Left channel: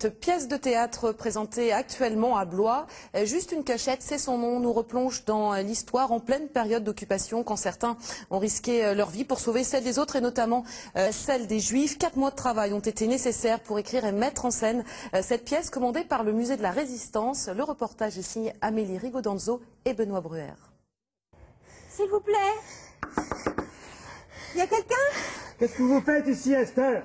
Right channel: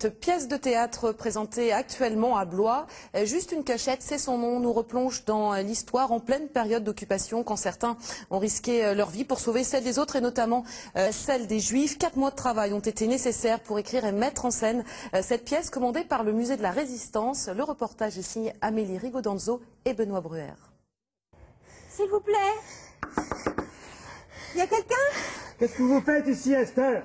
Cette pièce de théâtre présentée actuellement à Blois, Juste une cachette, c'est son nom, nous replonge dans l'histoire en pleine période d'occupation quand certains ont risqué leur vie pour sauver celle des autres et notamment celle des Juifs. 4 mois de travail ont été nécessaires pour écrire et mettre en scène cette pièce commandée par le musée de la Résistance. Le reportage est signé Amélie Rigodanzo et Benoît Bruer. S'il vous plaît, il y a quelqu'un? Qu'est-ce que vous faites ici, Esther?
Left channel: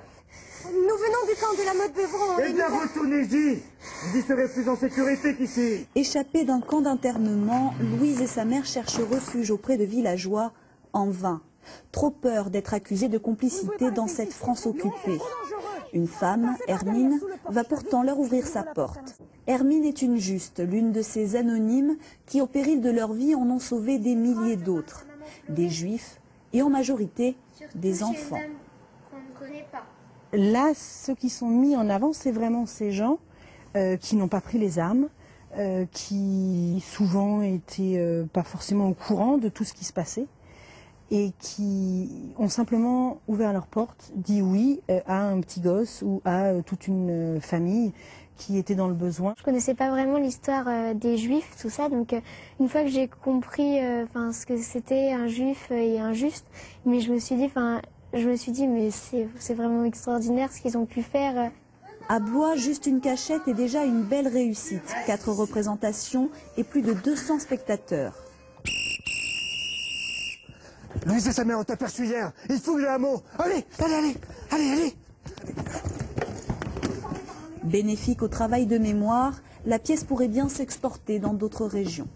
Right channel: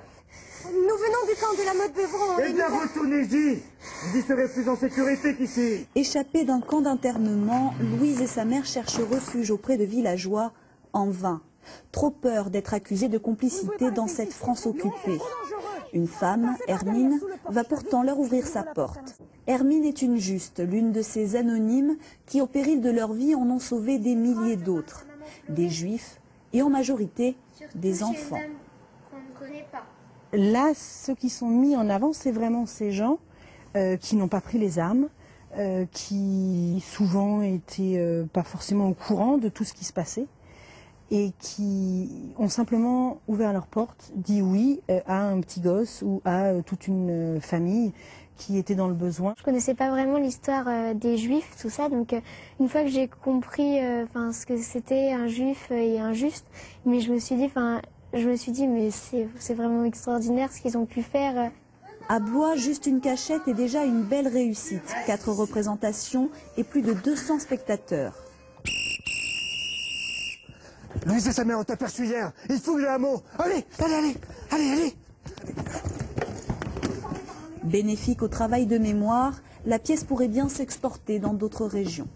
Nous venons du camp de la Motte-Beuvron. Eh bien, retournez-y. Vous y serez plus en sécurité qu'ici. Échappés d'un camp d'internement, Louise et sa mère cherchent refuge auprès de villageois, en vain. Trop peur d'être accusée de complicité dans cette France occupée. Une femme, Hermine, va pourtant leur ouvrir sa porte. Hermine est une juste, l'une de ces anonymes qui, au péril de leur vie, en ont sauvé des milliers d'autres. Des juifs et en majorité des enfants. Là, ceux qui sont mis en avant, c'est vraiment ces gens qui n'ont pas pris les armes, qui souvent étaient pas forcément au courant de tout ce qui se passait et qui ont simplement ouvert leurs portes, dit oui à un petit gosse ou à toute une famille qui était dans le besoin. Je connaissais pas vraiment l'histoire des Juifs, tout ça, donc une fois que j'ai compris ce que c'était un Juif et un juste, mais je me suis dit mais c'est vraiment extraordinaire ce qu'ils ont pu faire. À Blois, Juste une cachette est déjà une belle réussite. 4 représentations et plus de 200 spectateurs. Louise et sa mère ont aperçu hier. Ils fouillent le hameau. Allez. Bénéfique au travail de mémoire, la pièce pourrait bien s'exporter dans d'autres régions.